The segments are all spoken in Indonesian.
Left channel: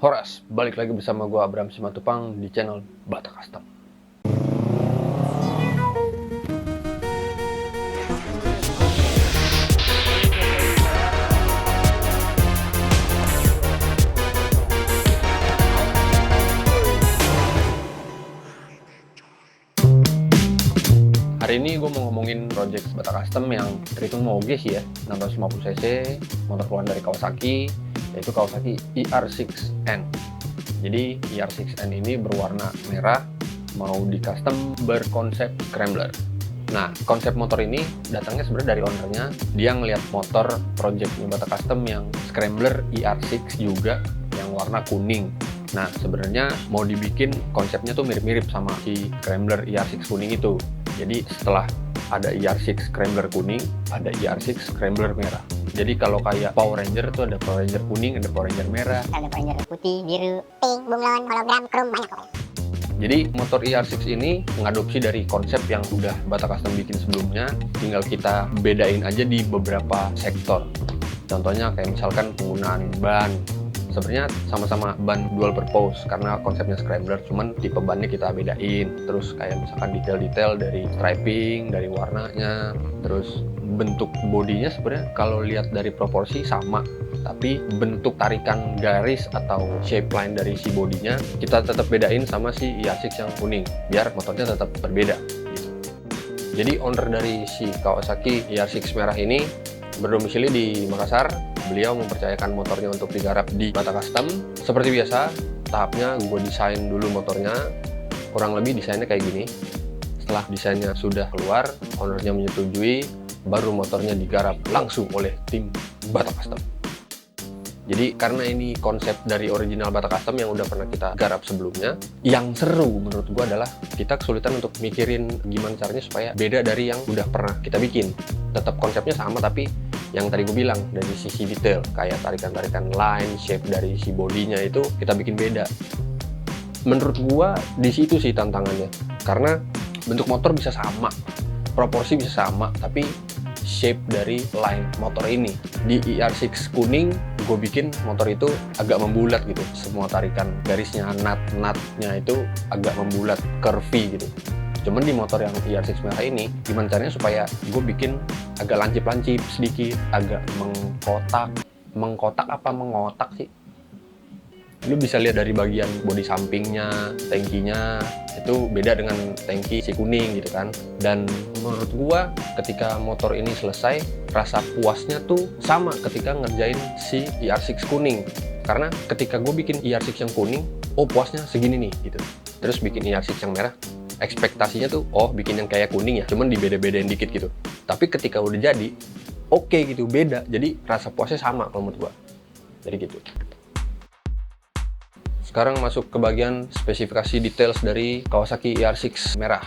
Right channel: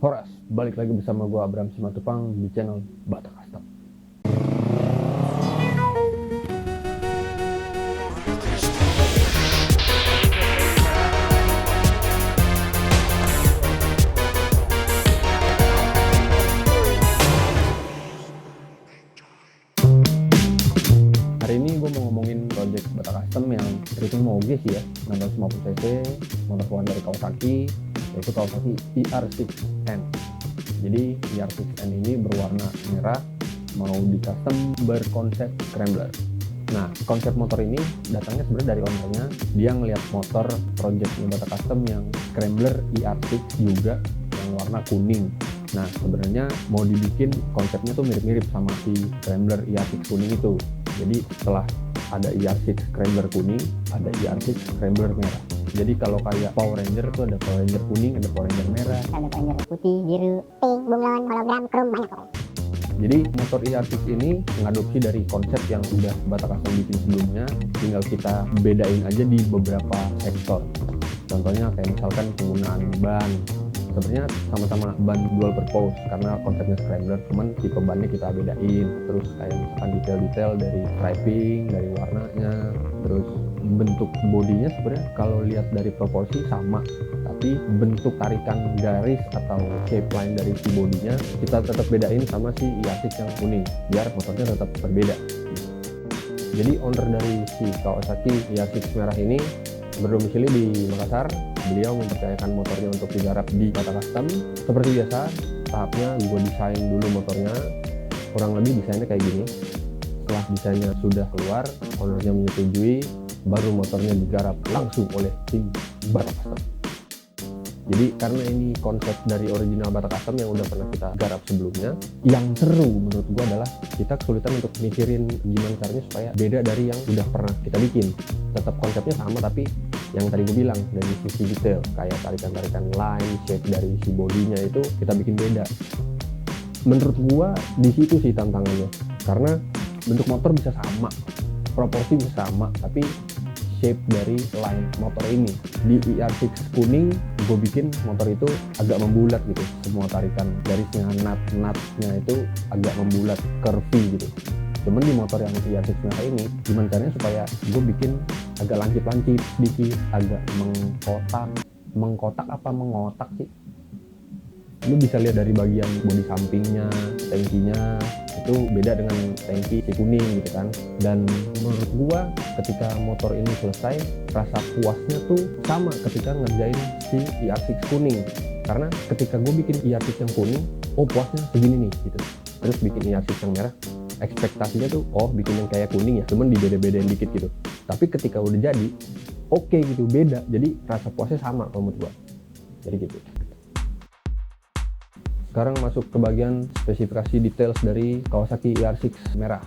Horas, balik lagi bersama gue Abraham Simatupang di channel Batak Custom. Hari ini gue mau ngomongin project Batak Custom yang treatment moge sih ya, 650cc, motor keluaran dari Kawasaki, yaitu Kawasaki ER6N. Jadi ER6N ini berwarna merah, mau di custom berkonsep scrambler. Nah, konsep motor ini datangnya sebenarnya dari ownernya. Dia ngelihat motor project Batak Custom yang scrambler ER6 juga, yang warna kuning. Nah, sebenarnya mau dibikin konsepnya tuh mirip-mirip sama si scrambler ER6 kuning itu. Jadi setelah ada ER6 scrambler kuning, ada ER6 scrambler merah. Jadi kalau kayak Power Ranger tuh ada Power Ranger kuning, ada Power Ranger merah, ada Power Ranger putih, biru, pink, bunglon, hologram, chrome, banyak pokoknya. Jadi motor ER6 ini mengadopsi dari konsep yang udah Batak Custom bikin sebelumnya, tinggal kita bedain aja di beberapa sektor. Contohnya kayak misalkan penggunaan ban. Sebenarnya sama-sama ban dual purpose karena konsepnya scrambler, cuman tipe bannya kita bedain. Terus kayak misalkan detail-detail dari striping, dari warnanya, terus bentuk bodinya sebenarnya kalau lihat dari proporsi sama, tapi bentuk tarikan garis atau shape line dari si bodinya kita tetap bedain sama si ER6 yang kuning biar motornya tetap berbeda. Jadi owner dari si Kawasaki ER6 merah ini berdomisili di Makassar. Beliau mempercayakan motornya untuk digarap di Batak Custom. Seperti biasa, tahapnya gue desain dulu motornya. Kurang lebih desainnya kayak gini. Setelah desainnya sudah keluar, ownernya menyetujui, baru motornya digarap langsung oleh tim Batak Custom. Jadi karena ini konsep dari original Batak Custom yang udah pernah kita garap sebelumnya, yang seru menurut gua adalah kita kesulitan untuk mikirin gimana caranya supaya beda dari yang udah pernah kita bikin. Tetap konsepnya sama, tapi yang tadi gue bilang dari sisi detail, kayak tarikan-tarikan line, shape dari si bodinya itu kita bikin beda. Menurut gua di situ sih tantangannya, karena bentuk motor bisa sama, proporsi bisa sama, tapi shape dari line motor ini di ER6 kuning gue bikin motor itu agak membulat gitu, semua tarikan garisnya, nut-nutnya itu agak membulat, curvy gitu. Cuman di motor yang ER6 merah ini gimana caranya supaya gue bikin agak lancip-lancip sedikit, agak mengkotak apa mengotak sih, lu bisa lihat dari bagian bodi sampingnya, tangkinya itu beda dengan tangki si kuning gitu kan. Dan menurut gua ketika motor ini selesai, rasa puasnya tuh sama ketika ngerjain si ER6 kuning. Karena ketika gue bikin ER6 yang kuning, oh puasnya segini nih gitu. Terus bikin ER6 yang merah, ekspektasinya tuh oh bikin yang kayak kuning ya, cuman dibeda-bedain dikit gitu. Tapi ketika udah jadi, oke gitu, beda. Jadi rasa puasnya sama kalau menurut gua. Jadi gitu. Sekarang masuk ke bagian spesifikasi details dari Kawasaki ER6 merah.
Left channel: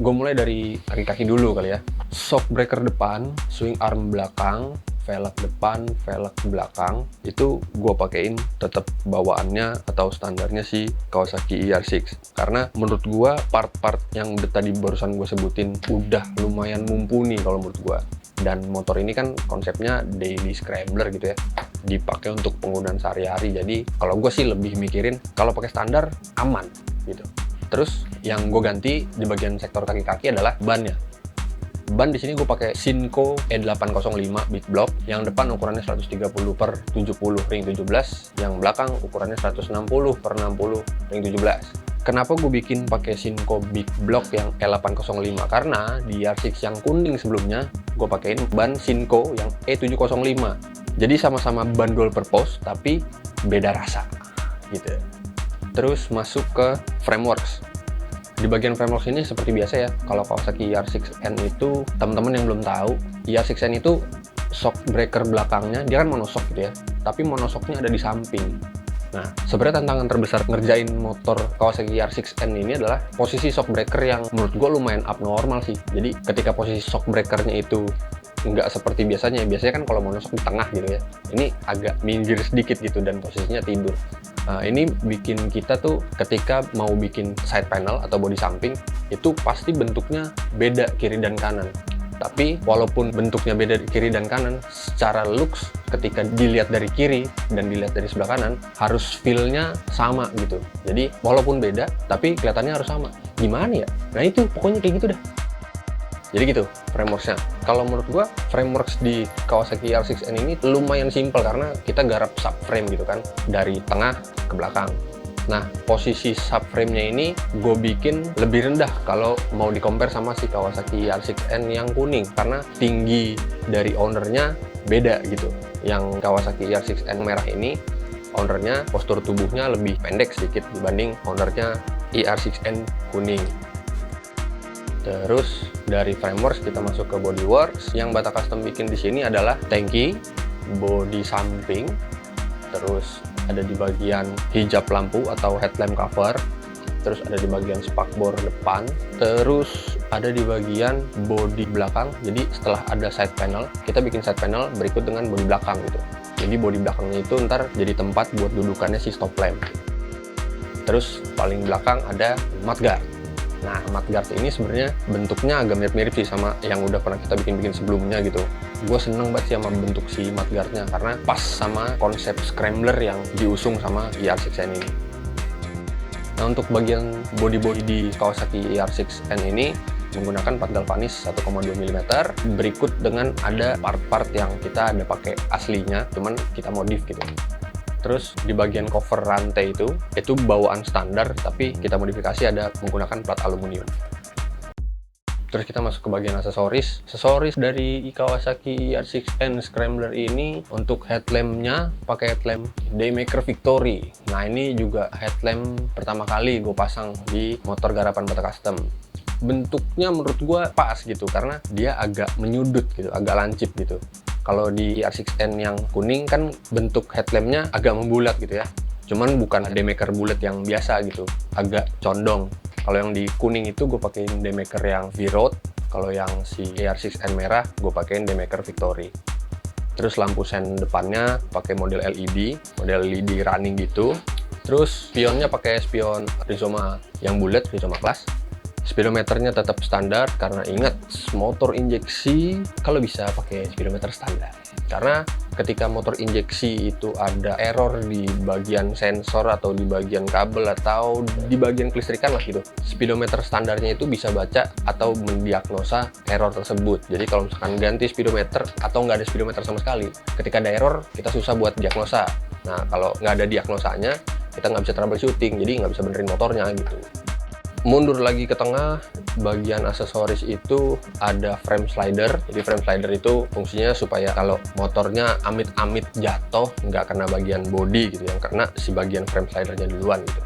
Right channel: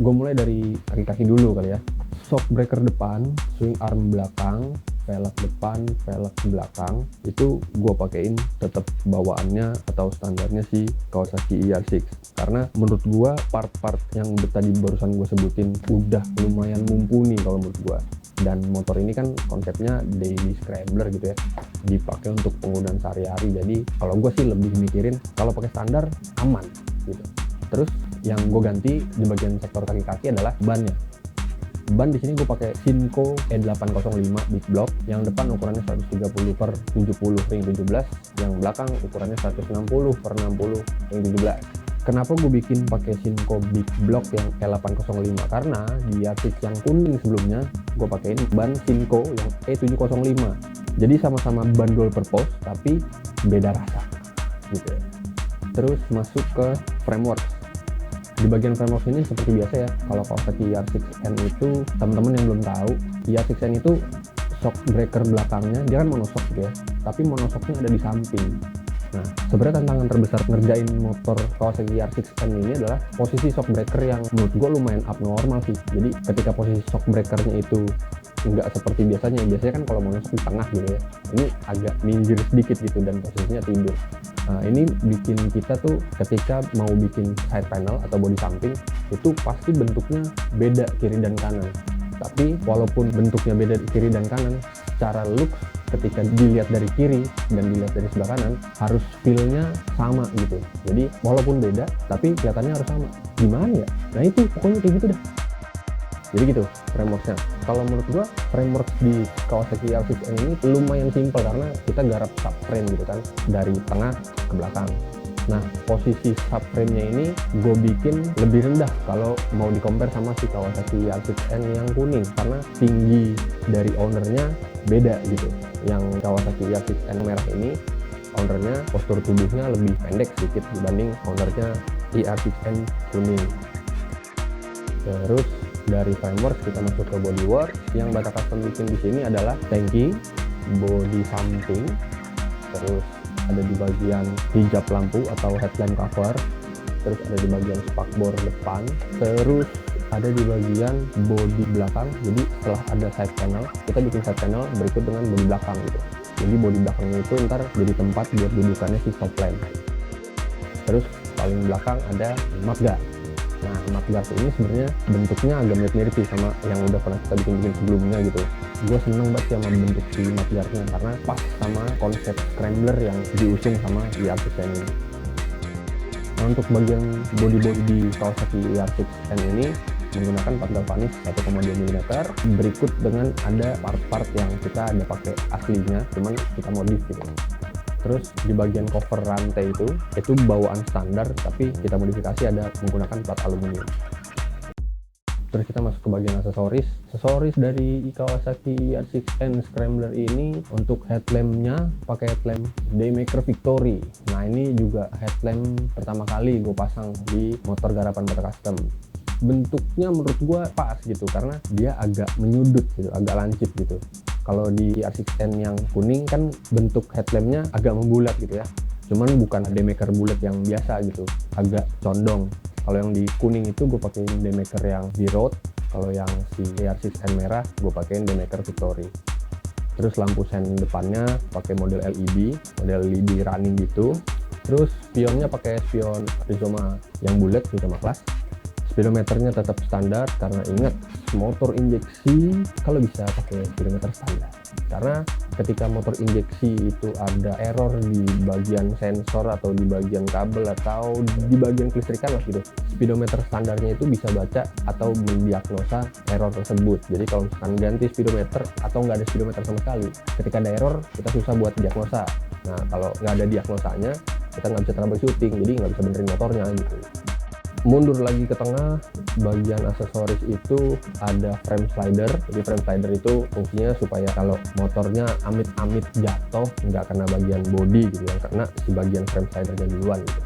Gue mulai dari kaki-kaki dulu kali ya. Shock breaker depan, swing arm belakang, velg depan, velg belakang, itu gue pakein tetap bawaannya atau standarnya si Kawasaki ER6. Karena menurut gue part-part yang tadi barusan gue sebutin udah lumayan mumpuni kalau menurut gue. Dan motor ini kan konsepnya daily scrambler gitu ya, dipakai untuk penggunaan sehari-hari. Jadi kalau gue sih lebih mikirin kalau pakai standar aman gitu. Terus yang gue ganti di bagian sektor kaki-kaki adalah bannya. Ban di sini gue pakai Shinko E805 Big Block. Yang depan ukurannya 130/70 ring 17, yang belakang ukurannya 160/60 ring 17. Kenapa gue bikin pakai Shinko Big Block yang E805? Karena di ER6 yang kuning sebelumnya gue pakein ban Shinko yang E705. Jadi sama-sama ban dual purpose tapi beda rasa gitu. Terus masuk ke frameworks. Di bagian frameworks ini seperti biasa ya, kalau Kawasaki ER6N itu teman-teman yang belum tahu, ER6N itu shock breaker belakangnya dia kan monoshock gitu ya, tapi monoshocknya ada di samping. Nah, sebenarnya tantangan terbesar ngerjain motor Kawasaki ER6N ini adalah posisi shock breaker yang menurut gue lumayan abnormal sih. Jadi ketika posisi shock breakernya itu nggak seperti biasanya kan kalau monoshock di tengah gitu ya, ini agak minggir sedikit gitu dan posisinya tidur. Nah, ini bikin kita tuh ketika mau bikin side panel atau bodi samping itu pasti bentuknya beda kiri dan kanan. Tapi walaupun bentuknya beda di kiri dan kanan, secara looks ketika dilihat dari kiri dan dilihat dari sebelah kanan harus feel-nya sama gitu. Jadi walaupun beda tapi kelihatannya harus sama. Gimana ya? Nah itu pokoknya kayak gitu dah. Jadi gitu frameworks-nya. Kalau menurut gua frameworks di Kawasaki R6N ini lumayan simpel karena kita garap subframe gitu kan, dari tengah ke belakang. Nah, posisi subframe-nya ini gue bikin lebih rendah kalau mau di-compare sama si Kawasaki R6N yang kuning karena tinggi dari ownernya beda gitu. Yang Kawasaki R6N merah ini ownernya postur tubuhnya lebih pendek sedikit dibanding ownernya IR6N kuning. Terus dari frameworks kita masuk ke bodyworks. Yang Bata Custom bikin di sini adalah tangki, body samping, terus ada di bagian hijab lampu atau headlamp cover, terus ada di bagian spakbor depan, terus ada di bagian bodi belakang. Jadi setelah ada side panel, kita bikin side panel berikut dengan bodi belakang gitu. Jadi bodi belakangnya itu ntar jadi tempat buat dudukannya si stop lamp. Terus paling belakang ada mudguard. Nah, mudguard ini sebenarnya bentuknya agak mirip-mirip sih sama yang udah pernah kita bikin sebelumnya gitu. Gue seneng banget sih sama bentuk si mudguardnya karena pas sama konsep scrambler yang diusung sama IR6N ini. Nah, untuk bagian body di Kawasaki IR6N ini menggunakan part galvanis 1,2 mm berikut dengan ada part-part yang kita ada pakai aslinya, cuman kita modif gitu. Terus di bagian cover rantai itu bawaan standar tapi kita modifikasi ada menggunakan plat aluminium. Terus kita masuk ke bagian aksesoris. Aksesoris dari Kawasaki R6N Scrambler ini untuk headlampnya pakai headlamp Daymaker Victory. Nah ini juga headlamp pertama kali gue pasang di motor garapan Bata Custom. Bentuknya menurut gue pas gitu karena dia agak menyudut gitu, agak lancip gitu. Kalau di R6N yang kuning kan bentuk headlampnya agak membulat gitu ya. Cuman bukan Daymaker bulat yang biasa gitu, agak condong. Kalau yang di kuning itu gue pakein Daymaker yang V-Road. Kalau yang si R6N merah gue pakein Daymaker Victory. Terus lampu sen depannya pakai model LED running gitu. Terus spionnya pakai spion Rizoma yang bulat, Rizoma Class. Speedometernya tetap standar karena ingat motor injeksi kalau bisa pakai speedometer standar karena ketika motor injeksi itu ada error di bagian sensor atau di bagian kabel atau di bagian kelistrikan lah gitu, speedometer standarnya itu bisa baca atau mendiagnosa error tersebut. Jadi kalau misalkan ganti speedometer atau nggak ada speedometer sama sekali, ketika ada error kita susah buat diagnosa. Nah kalau nggak ada diagnosanya kita nggak bisa troubleshooting, jadi nggak bisa benerin motornya gitu. Mundur lagi ke tengah, bagian aksesoris itu ada frame slider. Jadi frame slider itu fungsinya supaya kalau motornya amit-amit jatuh nggak kena bagian body gitu, yang kena si bagian frame slidernya duluan gitu.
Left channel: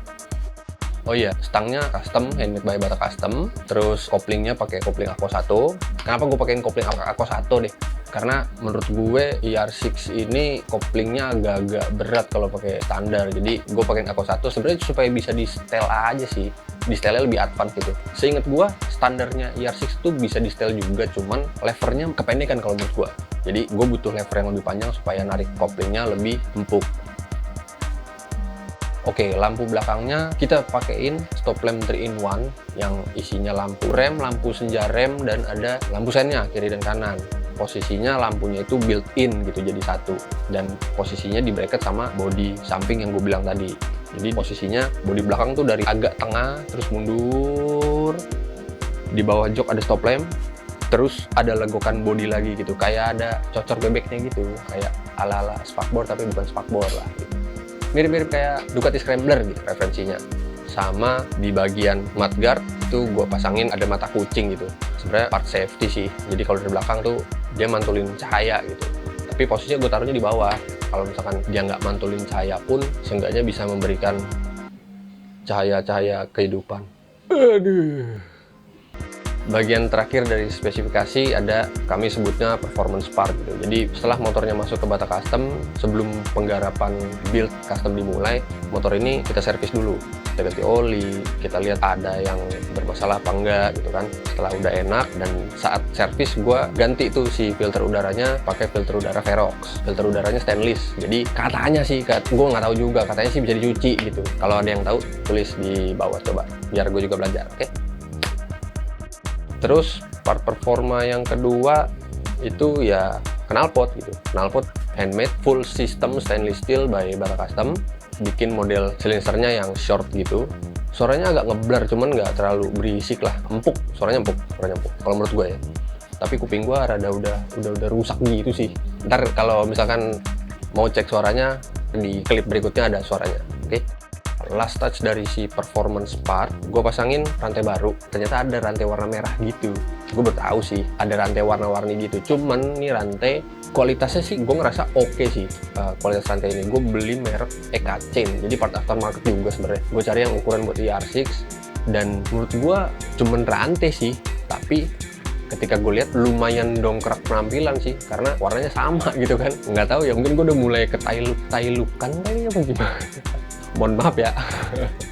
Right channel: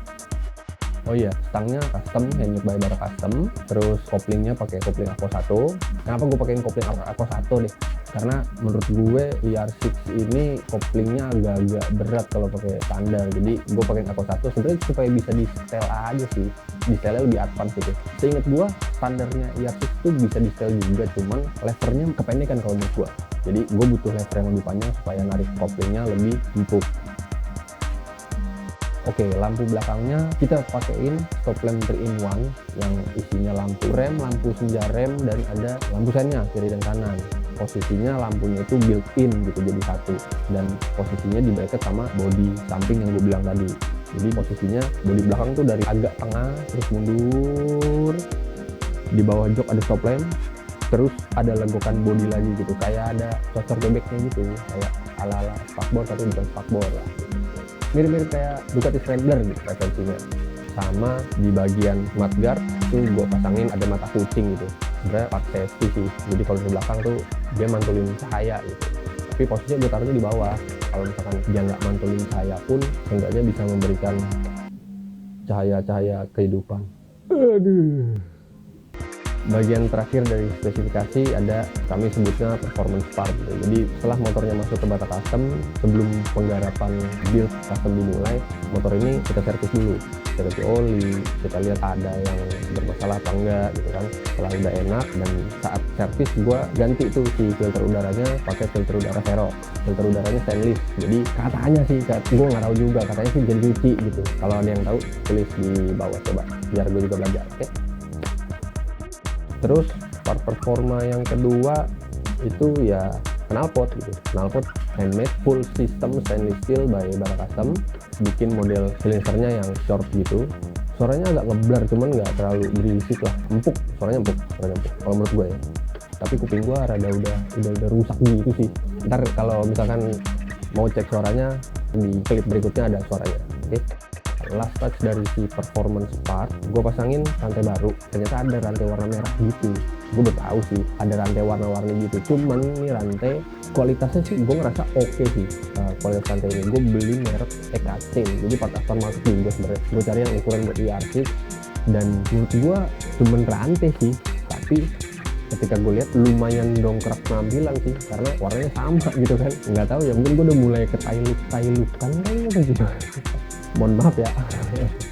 Oh iya, stangnya custom, handmade by Bata Custom. Terus koplingnya pakai kopling Akko 1. Kenapa gue pakein kopling Akko 1 deh? Karena menurut gue IR6 ini koplingnya agak-agak berat kalau pakai standar. Jadi gue pakein Akko 1 sebenarnya supaya bisa di setel aja sih. Di setelnya lebih advance gitu. Seingat gue standarnya IR6 tuh bisa di setel juga, cuman levernya kependekan kalau menurut gue. Jadi gue butuh lever yang lebih panjang supaya narik koplingnya lebih empuk. Oke, lampu belakangnya kita pakein stop lamp 3-in-1 yang isinya lampu rem, lampu senja rem, dan ada lampu sennya kiri dan kanan. Posisinya lampunya itu built-in gitu jadi satu, dan posisinya di bracket sama bodi samping yang gue bilang tadi. Jadi posisinya bodi belakang tuh dari agak tengah terus mundur, di bawah jok ada stop lamp, terus ada legokan bodi lagi gitu, kayak ada cocor bebeknya gitu, kayak ala-ala spakbor tapi bukan spakbor lah. Mirip-mirip kayak Ducati Scrambler gitu referensinya. Sama di bagian mudguard itu gue pasangin ada mata kucing gitu. Sebenarnya part safety sih. Jadi kalau dari belakang tuh dia mantulin cahaya gitu. Tapi posisinya gue taruhnya di bawah. Kalau misalkan dia nggak mantulin cahaya pun, seenggaknya bisa memberikan cahaya-cahaya kehidupan. Aduh. Bagian terakhir dari spesifikasi ada kami sebutnya performance part gitu. Jadi setelah motornya masuk ke Bata Custom, sebelum penggarapan build custom dimulai, motor ini kita servis dulu. Kita ganti oli, kita lihat ada yang bermasalah apa enggak gitu kan. Setelah udah enak dan saat servis gue ganti tuh si filter udaranya pakai filter udara Verox. Filter udaranya stainless. Jadi katanya sih, gue nggak tahu juga, katanya sih bisa dicuci gitu. Kalau ada yang tahu tulis di bawah coba, biar gue juga belajar, oke? Terus Part performa yang kedua itu ya knalpot gitu. Knalpot handmade full system stainless steel by Bata Custom. Bikin model silencernya yang short gitu. Suaranya agak ngeblur, cuman nggak terlalu berisik lah. Empuk, suaranya empuk. Kalau menurut gue ya. Tapi kuping gue rada udah rusak gitu sih. Ntar kalau misalkan mau cek suaranya di klip berikutnya ada suaranya. Oke. Last touch dari si performance part, gue pasangin rantai baru. Ternyata ada rantai warna merah gitu. Gue baru tahu sih ada rantai warna-warni gitu. Cuman nih rantai kualitasnya sih gue ngerasa oke sih. Kualitas rantai ini gue beli merek EK Chain, jadi part aftermarket juga sebenarnya. Gue cari yang ukuran buat ER6 dan menurut gue cuman rantai sih, tapi ketika gue lihat lumayan dongkrak penampilan sih karena warnanya sama gitu kan. Nggak tahu ya, mungkin gue udah mulai ketailukan kayaknya apa gimana. Mohon maaf ya.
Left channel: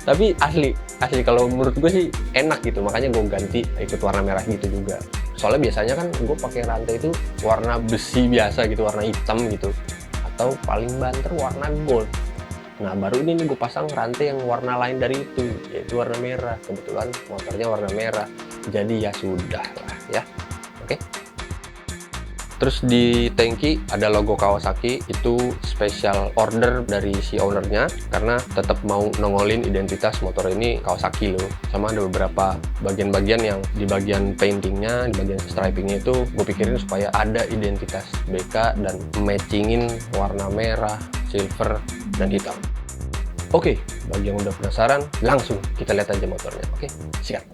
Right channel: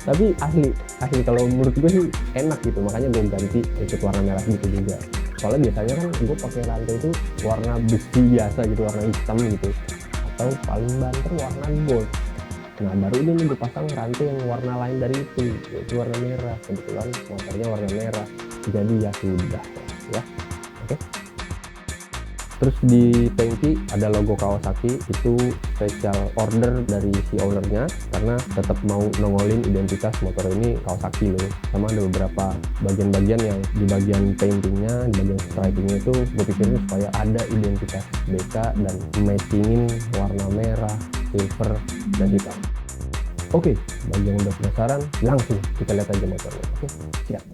Tapi asli kalau menurut gue sih enak gitu, makanya gue ganti ikut warna merah gitu juga. Soalnya biasanya kan gue pakai rantai itu warna besi biasa gitu, warna hitam gitu, atau paling banter warna gold. Nah baru ini nih gue pasang rantai yang warna lain dari itu, yaitu warna merah. Kebetulan motornya warna merah, jadi ya sudah lah ya. Oke. Terus di tangki ada logo Kawasaki, itu special order dari si ownernya karena tetap mau nongolin identitas motor ini Kawasaki loh. Sama ada beberapa bagian-bagian yang di bagian paintingnya, di bagian stripingnya itu gue pikirin supaya ada identitas BK dan matchingin warna merah, silver, dan hitam. Oke, bagi yang udah penasaran, langsung kita lihat aja motornya. Oke, siap.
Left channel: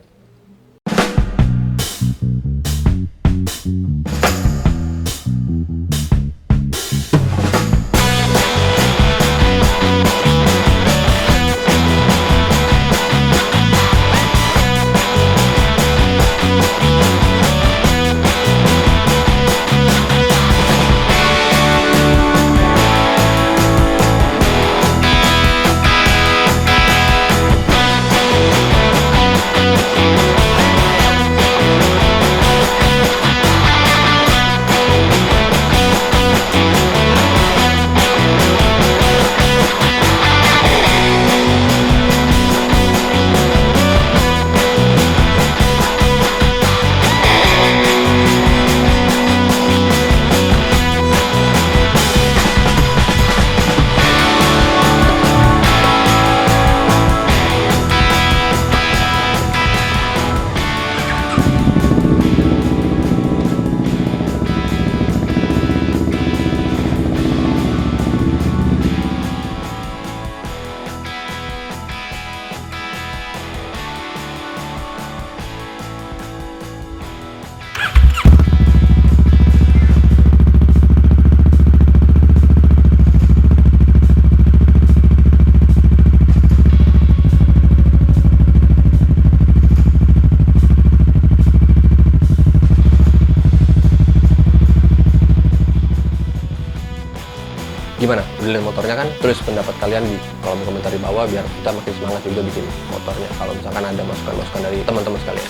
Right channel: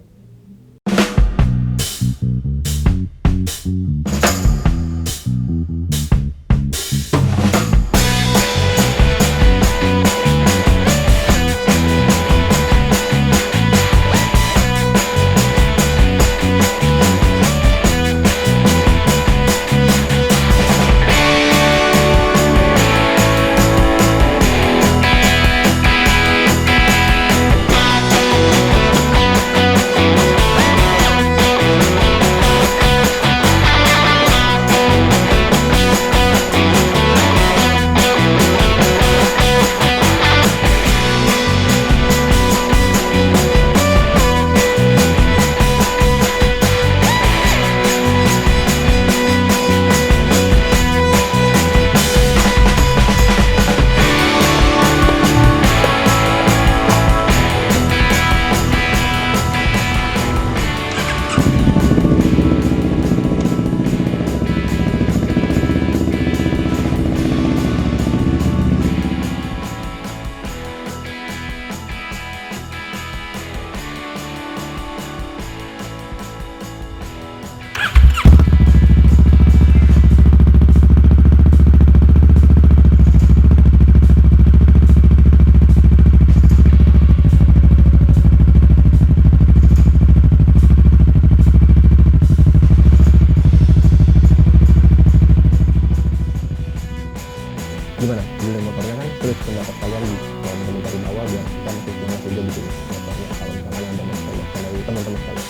Gimana? Udah lihat motornya kan? Tulis pendapat kalian di kolom komentar di bawah biar kita makin semangat juga bikin motornya. Kalau misalkan ada masukan-masukan dari teman-teman sekalian.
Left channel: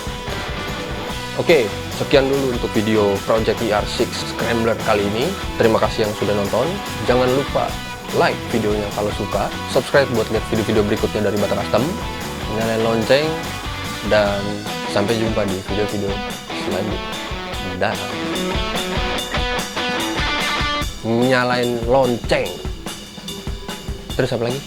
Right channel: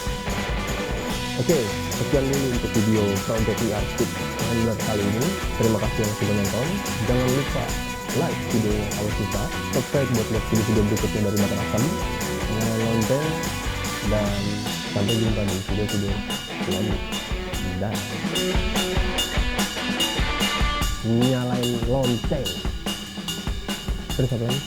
Oke, sekian dulu untuk video Project ER6 Scrambler kali ini. Terima kasih yang sudah nonton. Jangan lupa like videonya kalau suka, subscribe buat lihat video-video berikutnya dari Bata Custom, nyalain lonceng, dan sampai jumpa di video-video selanjutnya. Dan nyalain lonceng. Terus apa lagi?